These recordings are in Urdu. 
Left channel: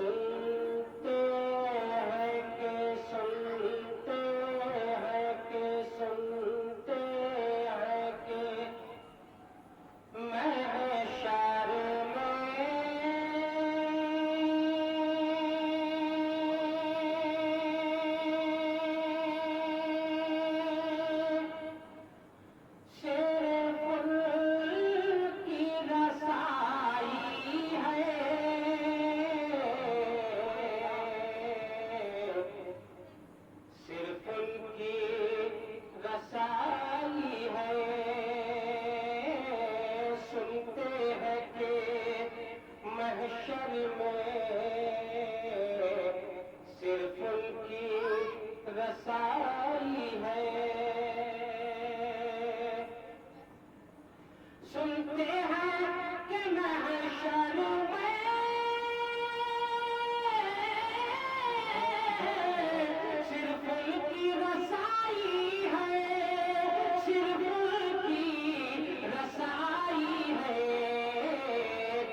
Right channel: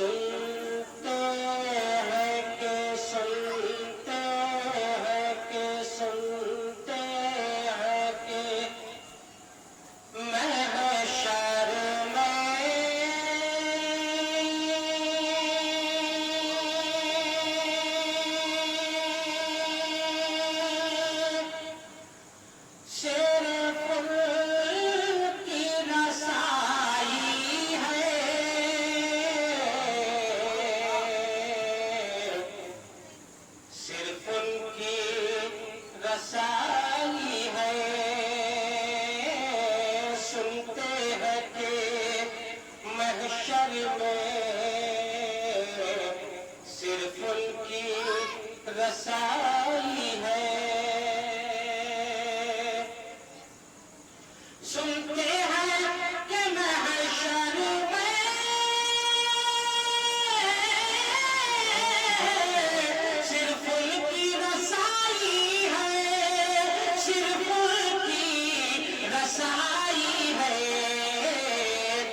سنتے ہیں کہ سنتے ہیں کہ سنتے ہیں کہ محشر میں صرف ان کی رسائی ہے، صرف ان کی رسائی ہے، سنتے ہیں کہ محشر میں صرف ان کی رسائی ہے، سنتے ہیں کہ محشر میں صرف ان کی رسائی ہے، صرف ان کی رسائی ہے،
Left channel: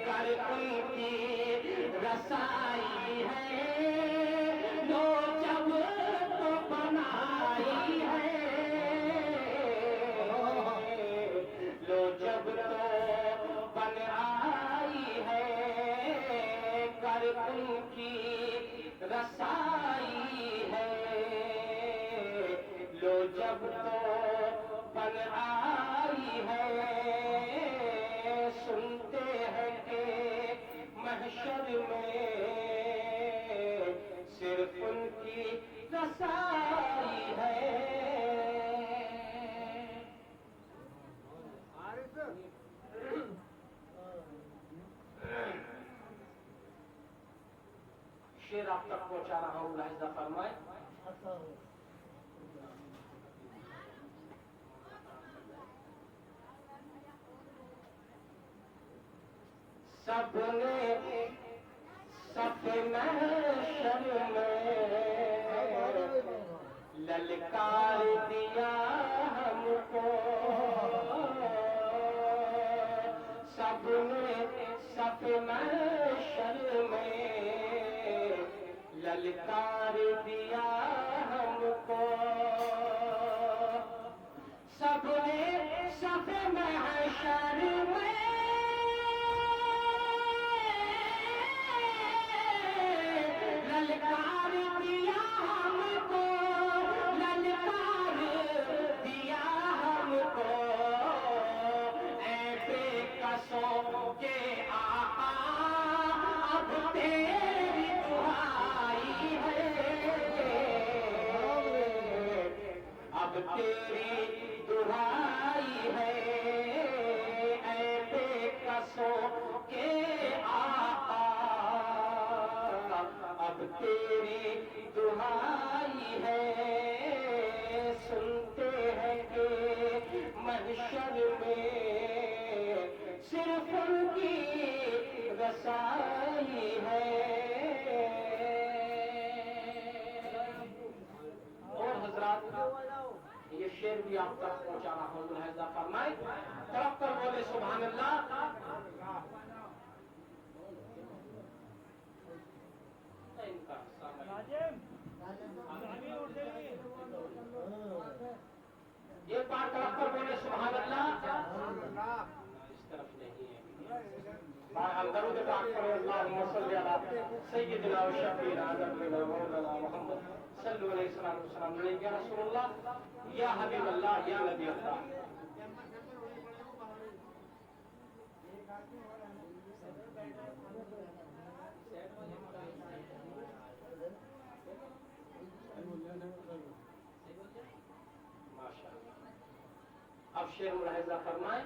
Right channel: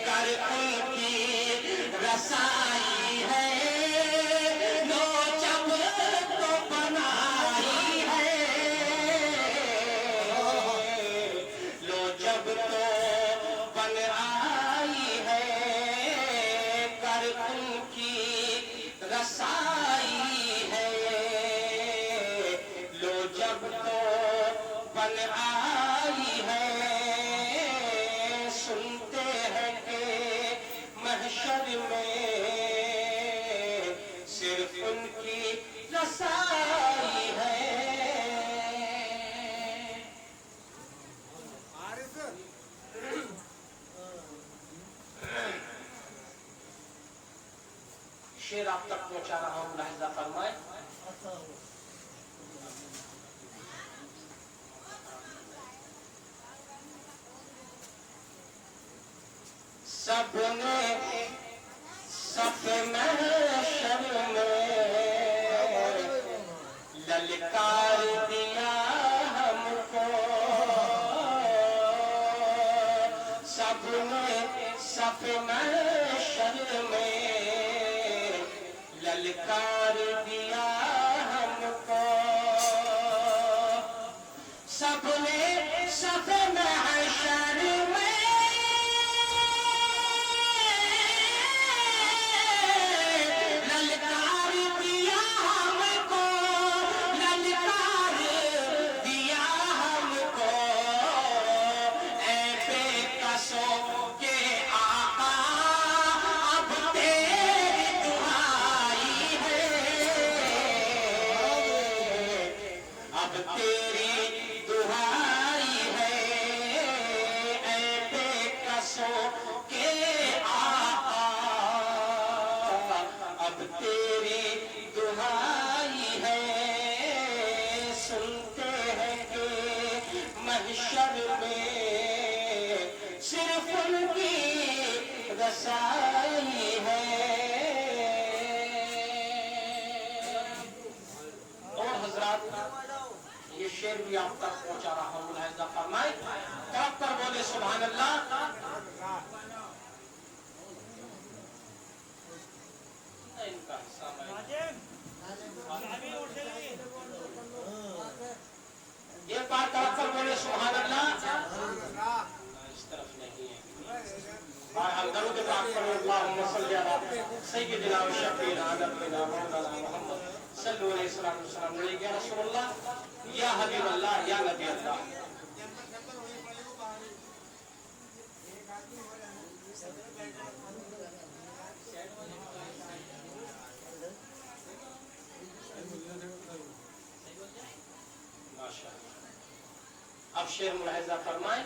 کر ان کی رسائی ہے، لو جب تو بنائی ہے، لو جب تو بن آئی ہے، کر ان کی رسائی ہے، لو جب تو بن آئی ہے، سنتے ہیں کہ محشر میں صرف ان کی رسائی ہے۔ شعر آپ تک پہنچا رہا ہوں، ملاحظہ فرمائیں۔ سب نے صف محشر میں للکار دیا ہم کو، سب نے صف محشر میں للکار دیا ہم کو، سب نے صف محشر میں للکار دیا ہم کو، للکار دیا ہم کو، اے بے کسوں کے آقا اب تیری دعائی ہے، اب تیری دعائی ہے، اے بے کسوں کے آقا اب تیری دعائی ہے، سنتے ہیں کہ محشر میں صرف ان کی رسائی ہے۔ اور حضرات یہ شعر بھی آپ تک پہنچا رہا ہوں، ملاحظہ فرمائیں، توقع پر بولے سبحان اللہ۔ ایک بار توقع پر بولے سبحان اللہ۔ اس طرف نہیں ہے، اور درود پاک پر اللہم صلی علی سیدنا و شفیعنا نبینا مولانا محمد صلی اللہ علیہ وسلم، یا رسول اللہ، یا حبیب اللہ، یا نبی اللہ۔ اب شعر ملاحظہ فرمائیں۔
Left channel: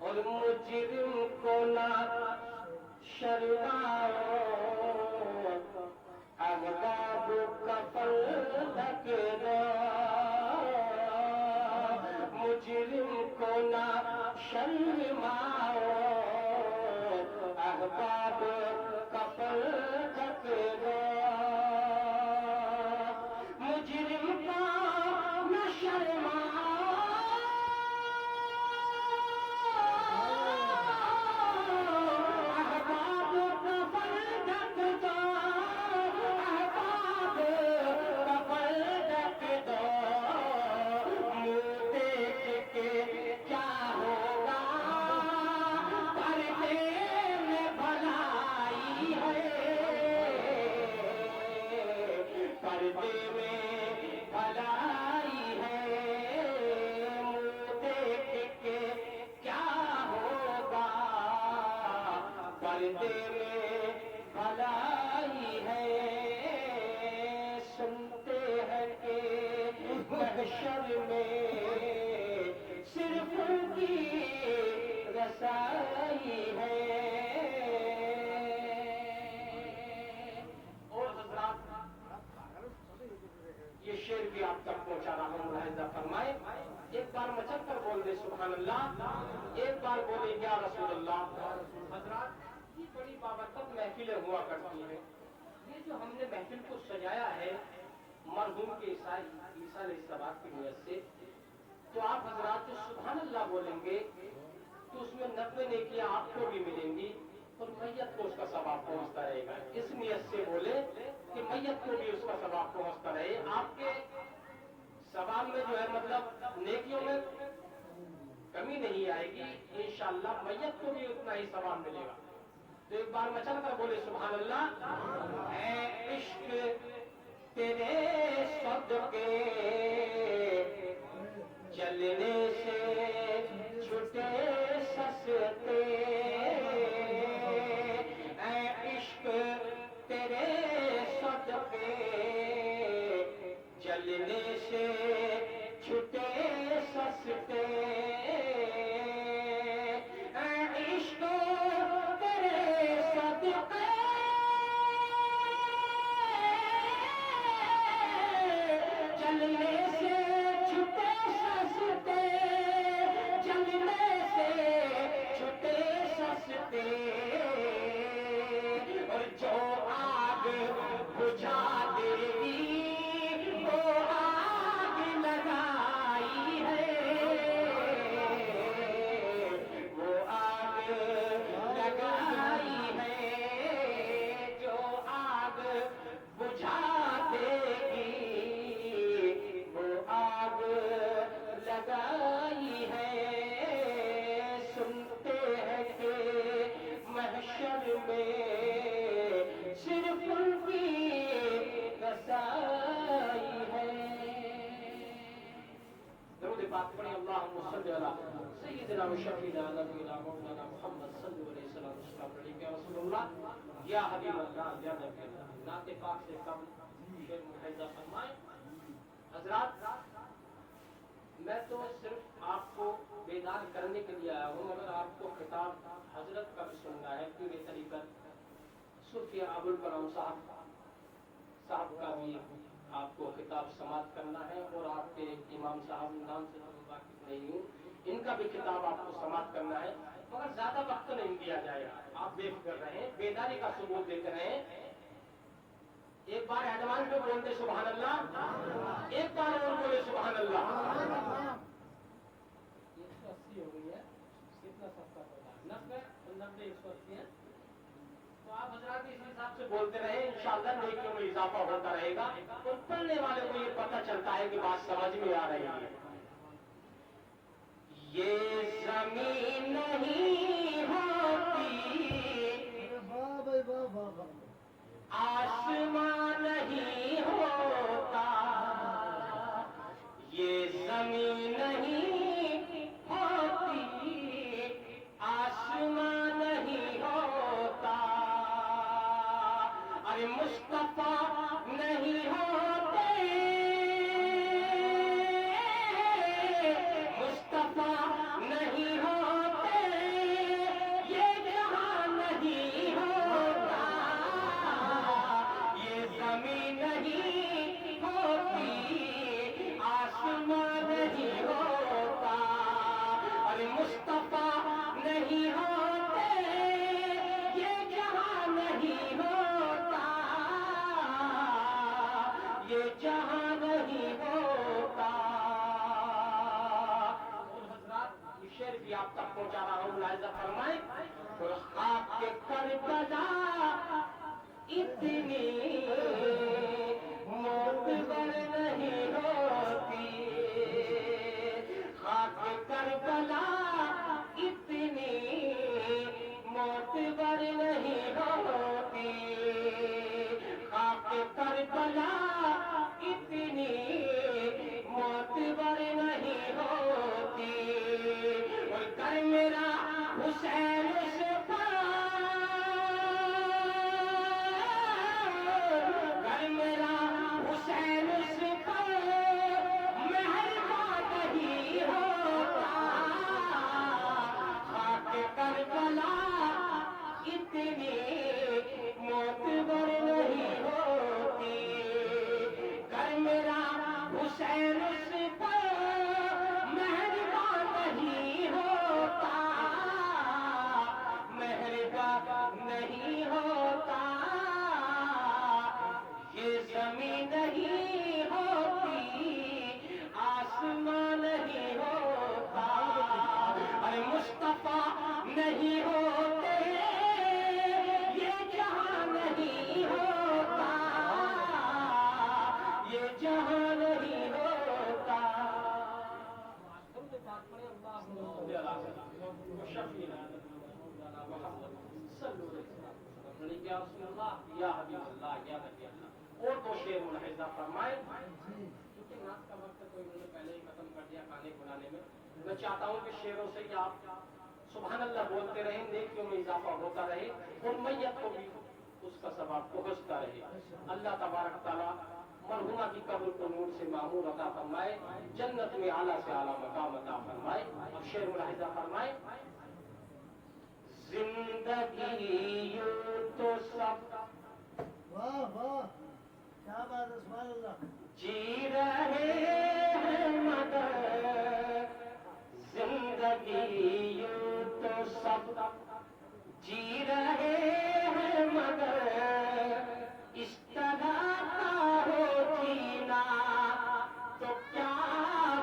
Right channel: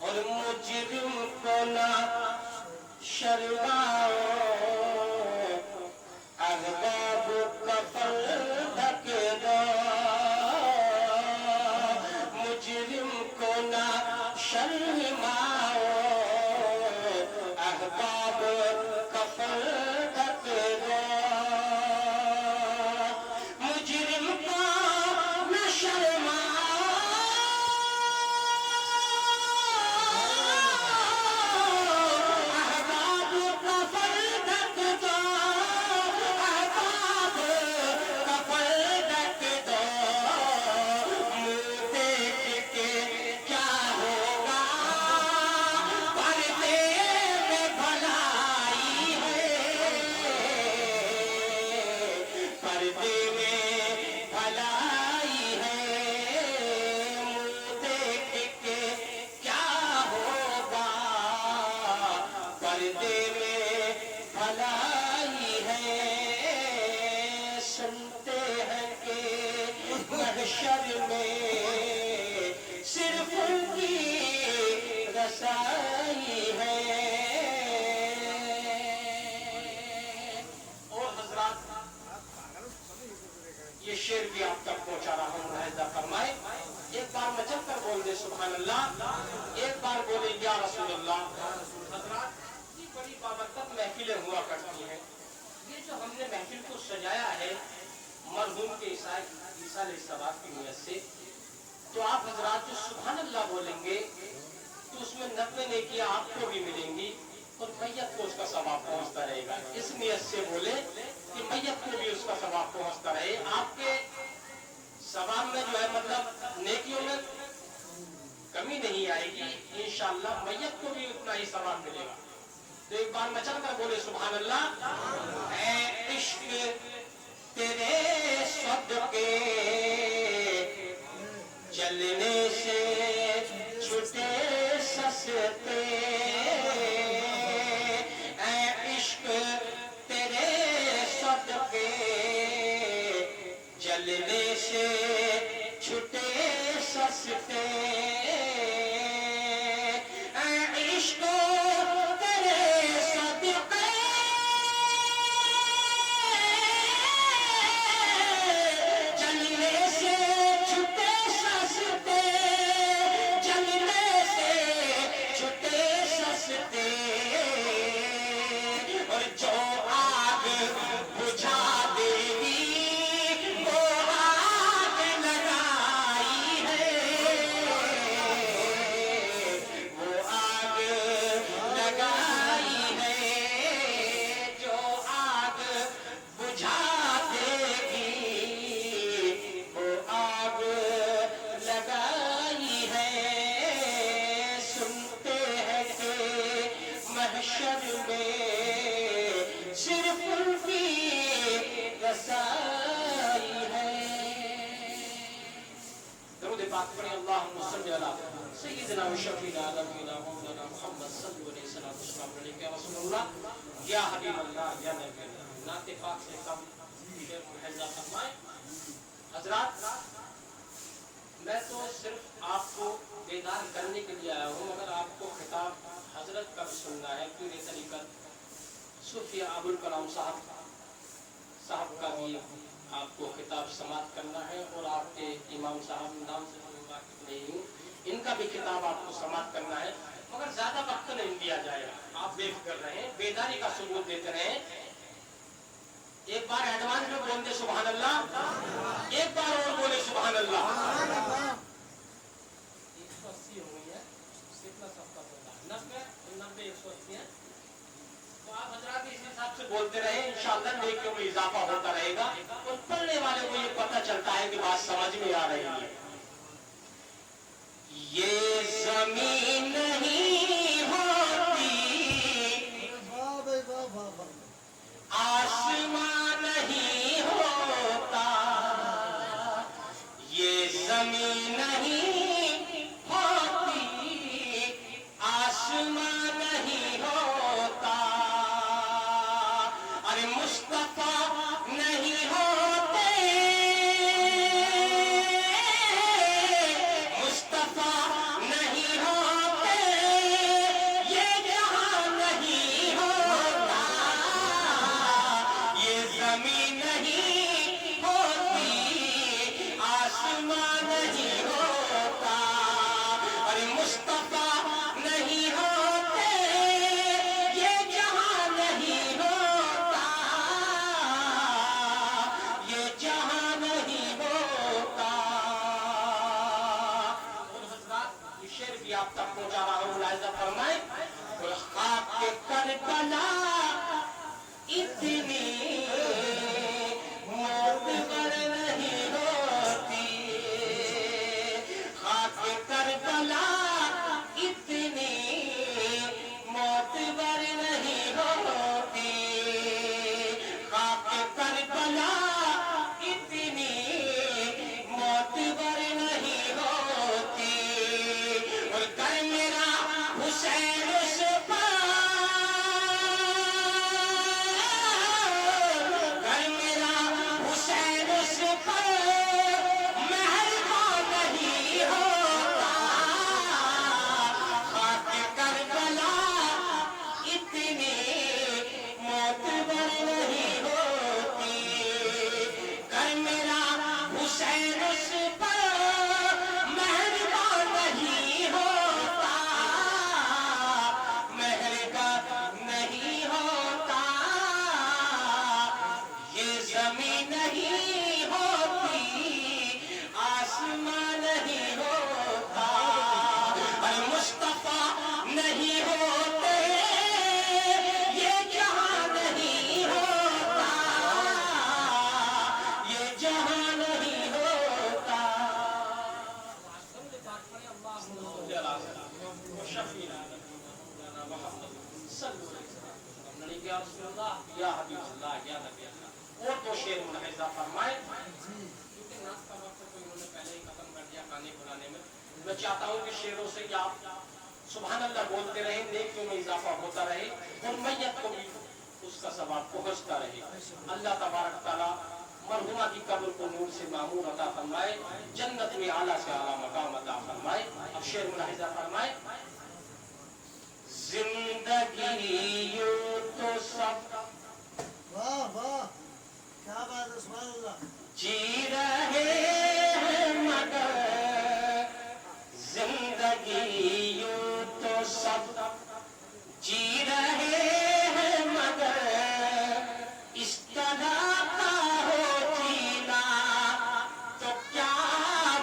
اور مجرم کو نہ شرماؤ، احباب کفن ڈھک دو، مجرم کو نہ شرماؤ، احباب کفن ڈھک دو، مجرم کو نہ شرماؤ، احباب کفن پردے میں بھلائی ہے، سنتے ہیں کہ محشر میں صرف ان کی رسائی ہے۔ اور حضرات یہ شعر بھی آپ تک پہنچا رہا ہوں، ملاحظہ فرمائے۔ ایک بار مچل کر بول دے سبحان اللہ، ایک بار بولے یا رسول اللہ۔ حضرات یہ بڑی بابرکت محفلیں ہوا کرتی ہیں۔ یہ جو ہم نے محفل کو سجایا ہے مرحوم کے عیسیٰ علیہ السلام کی نیت سے، تو آپ حضرات جو سبحان اللہ بولیں گے تو اس میں 90 نیکیاں آپ کو بھی ملیں گی اور میت کو اس کا ثواب پہنچتا رہے گا۔ اس نیت سے بولے کہ میت کو بھی اس کا ثواب پہنچتا رہے، آپ کے ثواب میں جو ہے مطلب نیکیوں میں کمی نہیں آئے گی، انشاءاللہ میت کو بھی اتنا ہی ثواب ملے گا۔ تو ایک بار میں چل کر بولے سبحان اللہ۔ اے عشق تیرے صدقے چلنے سے چھٹے سستے، اے عشق تیرے صدقے چلنے سے چھٹے سستے، اے عشق تیرے صدقے چلنے سے چھٹے سستے، چلنے سے چھٹے سستے، اور جو آگ بجھا دے گی وہ آگ لگائی ہے، وہ آگ لگائی ہے، جو آگ بجھا دے گی وہ آگ لگائی ہے۔ سنتے ہیں کہ محشر میں صرف ان کی رسائی ہے۔ درود پاک پڑھیں، اللہم صلی علی سیدنا و شفیعنا نبینا مولانا محمد صلی اللہ علیہ وسلم یا رسول اللہ یا حبیب اللہ یا نبی اللہ۔ نعت پاک سے کم شعر ملاحظہ فرمائیں۔ حضرات میں تو صرف آپ کو بیدار کرنے کے لیے آیا ہوں، اگر آپ کو خطاب حضرت کا بھی سننا ہے، پوری طریقت صوفی ابوالکلام صاحب کا بھی آپ کو خطاب سماعت کرنا ہے، اور آپ کے امام صاحب نام سے میں واقف نہیں ہوں، ان کا بھی خطاب آپ کو سماعت کرنا ہے، مگر زیادہ وقت نہیں دیا جائے گا۔ آپ بے فکر رہیں، بیداری کا ثبوت دیتے رہیں۔ ایک بار ایڈوانس میں بول دے سبحان اللہ، ایک بار اور بولے سبحان اللہ۔ 180 ہو گئی ہے، کتنا صفحہ پڑھا؟ 90 180 ہے، تو آپ حضرات اس حساب سے بولتے رہیں، انشاءاللہ نیکیوں میں اضافہ ہوتا رہے گا، اور پڑھنے والے کو یہ پتہ چلتا ہے کہ بات سمجھ میں آ رہی ہے۔ یہ زمین نہیں ہوتی، آسمان نہیں ہوتا، یہ زمین نہیں ہوتی، آسمان نہیں ہوتا، ارے مصطفیٰ نہیں ہوتے، مصطفیٰ نہیں ہوتے، ملاحظہ فرمائے کیونکہ ناز کا وقت تو انہوں نے پہلے ہی ختم کر دیا گانے بلانے میں. میں چاہتا ہوں کہ شعروں سے کیا سبحان اللہ بولتے رہیں, نیکیوں میں اضافہ ہوتا رہے اور میت کو بھی اس کا ثواب پہنچتا رہے. اللہ تبارک تعالیٰ مرحومہ کی قبر کو نور سے معمور عطا فرمائے, جنت میں اعلیٰ سے اعلیٰ مقام عطا فرمائے. اب شعر ملاحظہ فرمائے. زندگی یوں تو سب واہ واہ کیا بات ہے, سبحان اللہ. جی رہے ہیں مگر زندگی یوں تو سب جی رہے ہیں مگر اس طرح کا ہو جینا تو کیا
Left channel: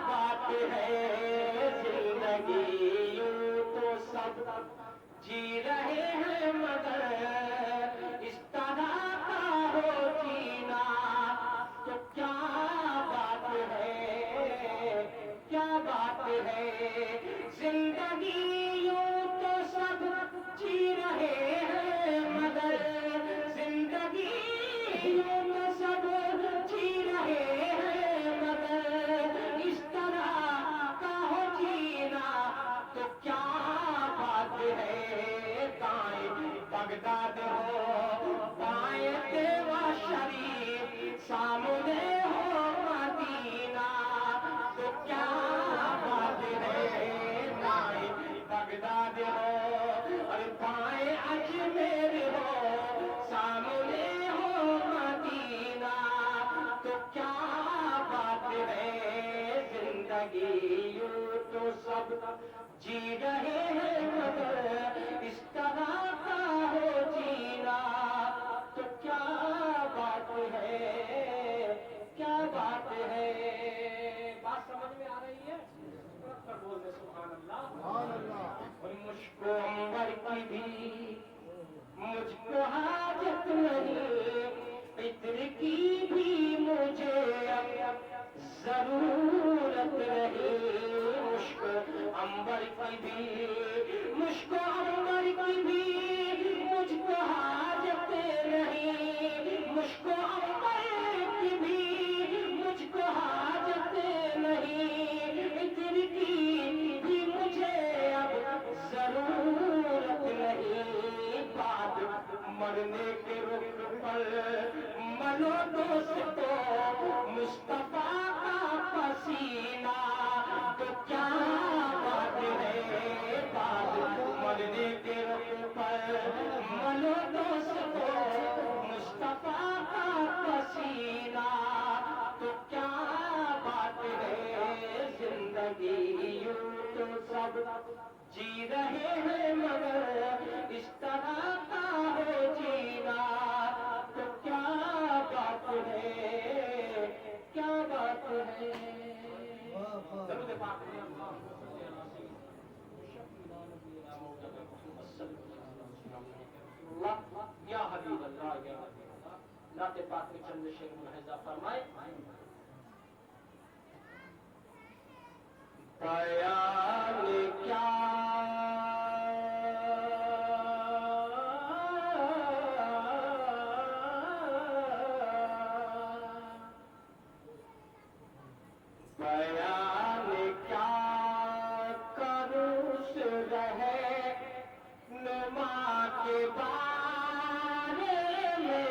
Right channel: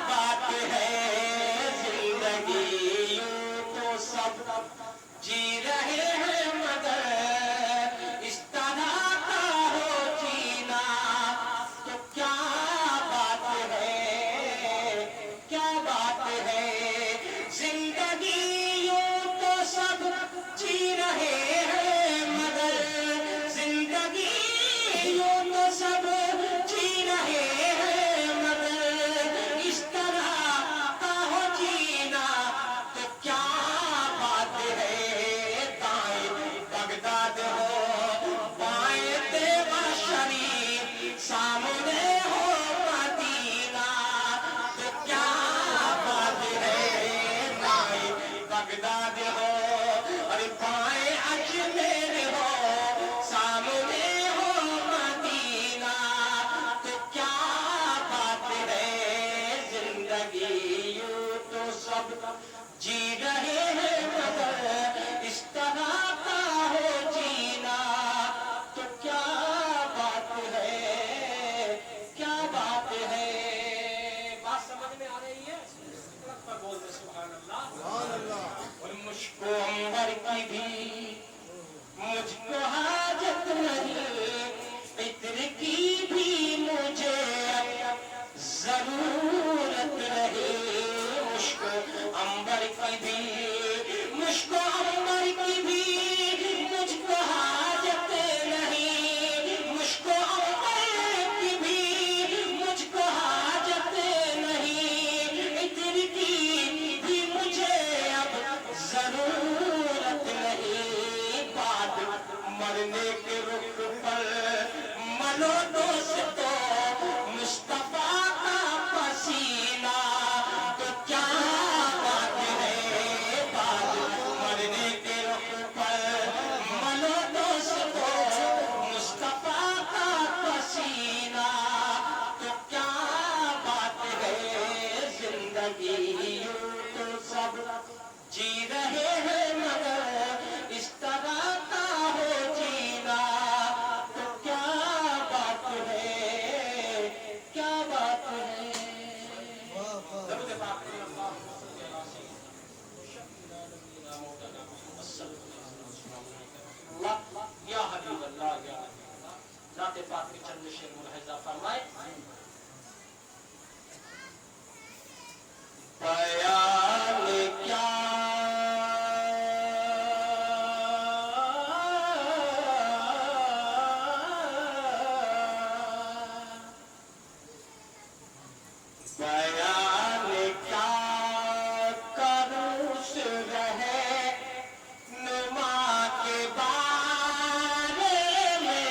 بات ہے. زندگی یوں تو سب جی رہے ہیں مگر اس طرح کا ہو جینا تو کیا بات ہے, کیا بات ہے. زندگی یوں تو سب جی رہے ہیں مگر زندگی یوں تو سب جی رہے ہیں مگر اس طرح کا ہو جینا تو کیا بات ہے. دائیں بغداد ہو بائیں دیوا شریف سامنے ہو مدینہ تو کیا بات ہے. دائیں بغداد ہو اور بائیں اجمیر ہو سامنے ہو مدینہ تو کیا بات ہے. زندگی یوں تو سب جی رہے ہیں مگر اس طرح کا ہو جینا تو کیا بات ہے, کیا بات ہے. بات سمجھ میں آ رہی ہے؟ سڑک پر بول دے سبحان اللہ. سبحان اللہ. اور مجھ کو عمر کی بھی مجھ کو حاجت نہیں, عطر کی بھی مجھے ضرورت رہی. مجھ کو عمر کی بھی مجھ کو عمر کی بھی مجھ کو حاجت نہیں. مجھ کو عمر کی بھی مجھ کو حاجت نہیں. عطر کی بھی مجھے اب ضرورت نہیں. بات مرنے کے رخ پر منو دوستو مصطفیٰ کا پسینہ تو کیا بات ہے. بات مرنے کے رخ پر منو دوستو مصطفیٰ کا پسینہ تو کیا بات ہے. زندگی یوں تو سب جی رہے ہیں مگر اس طرح کا ہو جینا تو کیا بات ہے, کیا بات ہے. واہ واہ. درود پاک میں اللہم صلی علی سیدنا وشفیعنا نبینا مولانا محمد صلی اللہ علیہ وسلم. یا حبیب اللہ یا نبی اللہ. نعت پاک میں چند شعر ملاحظہ فرمائے. بیان کیا بیان کیا کروں اس رہے نما کے بارے میں.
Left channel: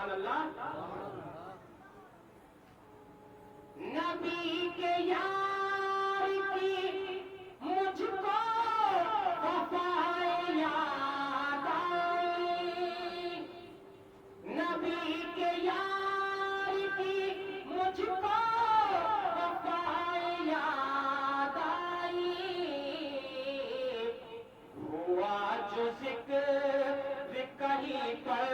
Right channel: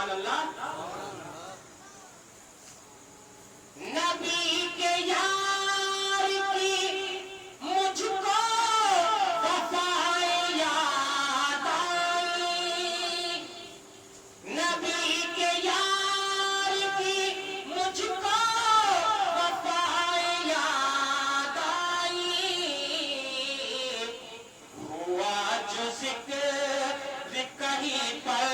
سبحان اللہ. نبی کے یار کی مجھ کو وفائیں یاد آئی. نبی کے یار کی مجھ کو وفائیں یاد آئی. ہوا جو ذکر کہیں پر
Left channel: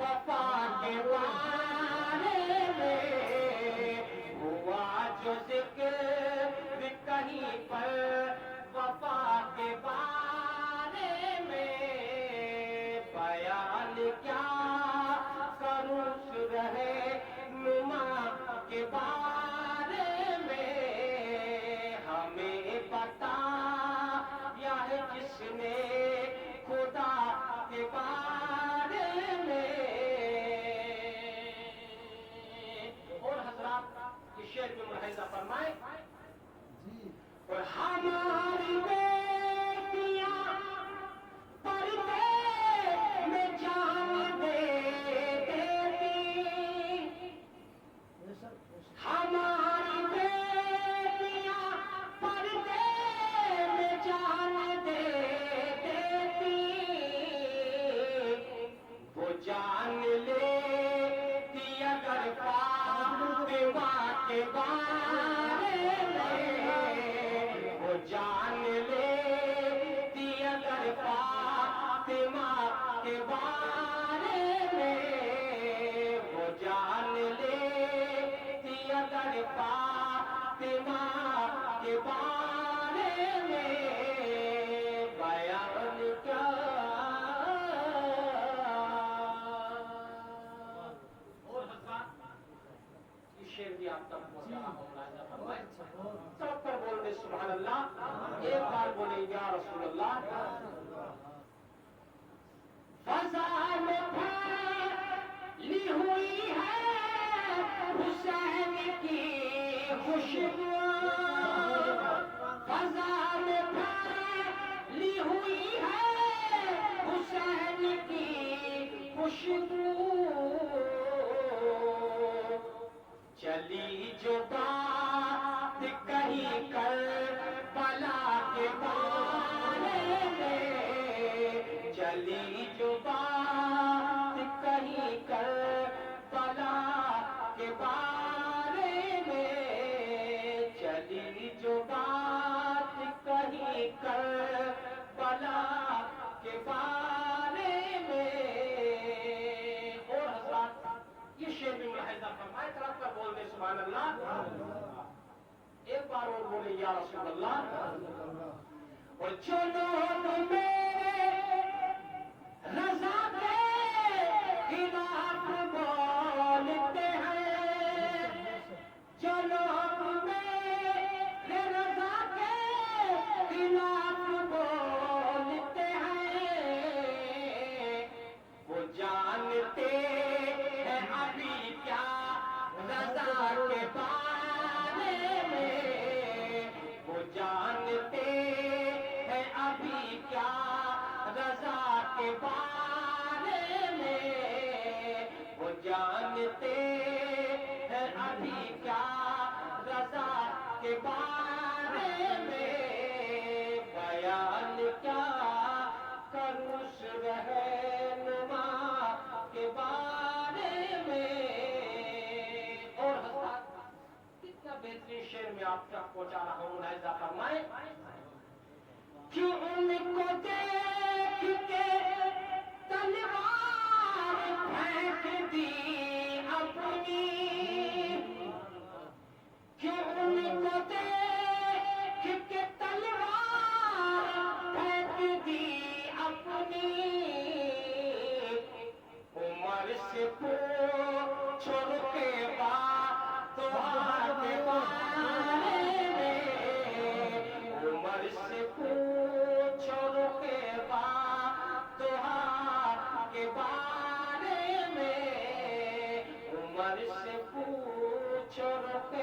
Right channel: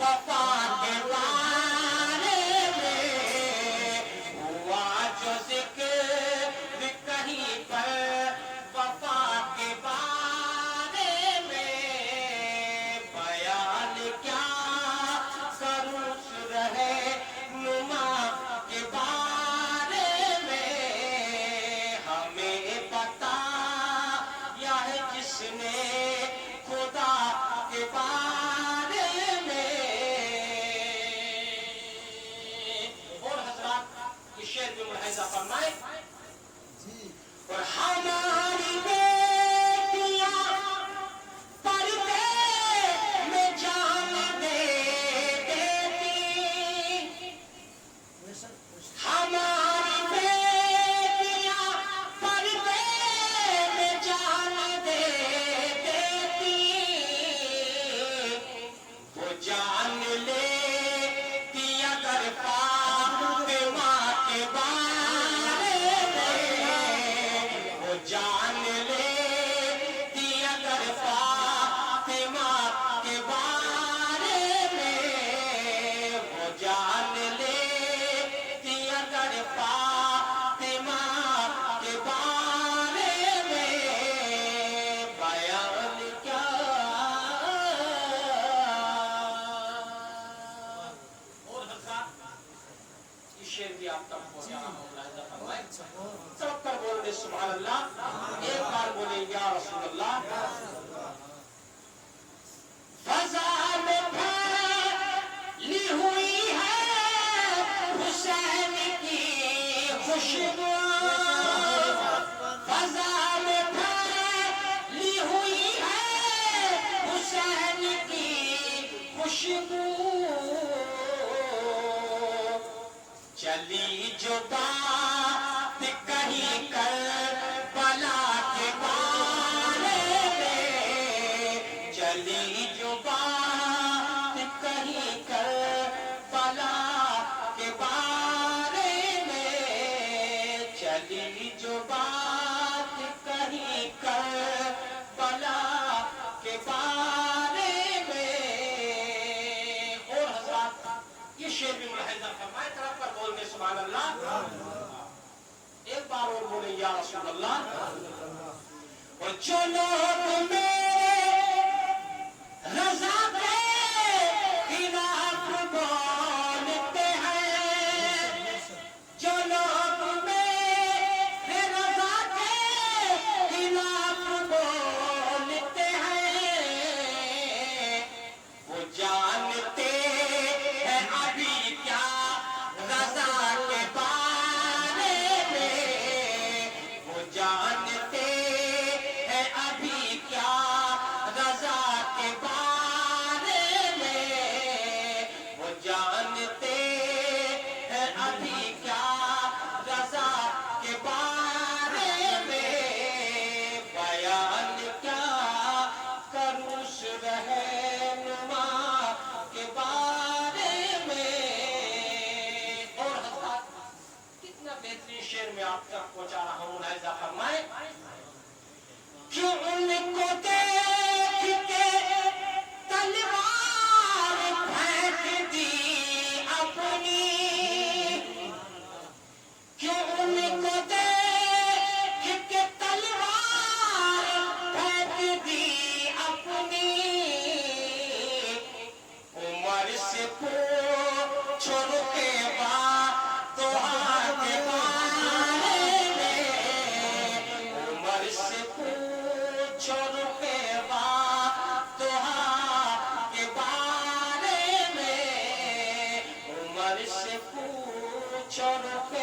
وفا کے بارے میں. ہوا جو ذکر کہیں پر وفا کے بارے میں. بیان کیا کروں رہے نما کے بارے میں. ہمیں بتا یا ہے جس نے خدا کے بارے میں. اور حضرات اس شعر میں ملاحظہ فرمائیں. اور ہماری بیٹیاں پردے میں جان دے دیتی. ہماری بیٹیاں پردے میں جان دے دیتی. وہ جان لیتی اگر فاطمہ کے بارے میں. وہ جان لیتی اگر فاطمہ کے بارے میں. وہ جان لیتی اگر فاطمہ کے بارے میں. بیان کیا اور حضرات یہ شعر بھی آپ تک پہنچا رہا ہوں. ملاحظہ فرمائیں. سب پر بول دے سبحان اللہ. ایک بار بولیں یا رسول اللہ. فضا میں پھیلی ہوئی ہے حسین کی خوشبو. فضا میں پھیلی ہوئی ہے حسین کی خوشبو. چلی جو بات کہیں کربلا کے بارے میں. چلی جو بات کہیں کربلا کے بارے میں. چلی جو بات کہیں کربلا کے بارے میں. اور حضرات یہ شعر بھی ملاحظہ فرمائے. طرف پر بول دے سبحان اللہ. ایک بار اور بولیں یا رسول اللہ. اور جو لوگ میرے رضا کے خلاف بولتے ہیں. جو لوگ میرے رضا کے خلاف بولتے ہیں. وہ جانتے ہیں ابھی کیا رضا کے بارے میں. وہ جانتے ہیں ابھی کیا رضا کے بارے میں. وہ جانتے ہیں ابھی کیا رضا کے بارے میں. بیان کیا کروں رہنما کے بارے میں. اور حضرات کتنا بہترین شعر میں آپ تک پہنچا رہا ہوں. ملاحظہ فرمائیں. کیوں ان کو دیکھ کے تلوار پھینک دی اپنی. کیوں ان کو دیکھ کے تلوار پھینک دی اپنی. عمر سے پوچھو رکے بات تو کے بارے میں. عمر سے پوچھو رکے بات تو کے بارے میں. عمر سے پوچھو رکے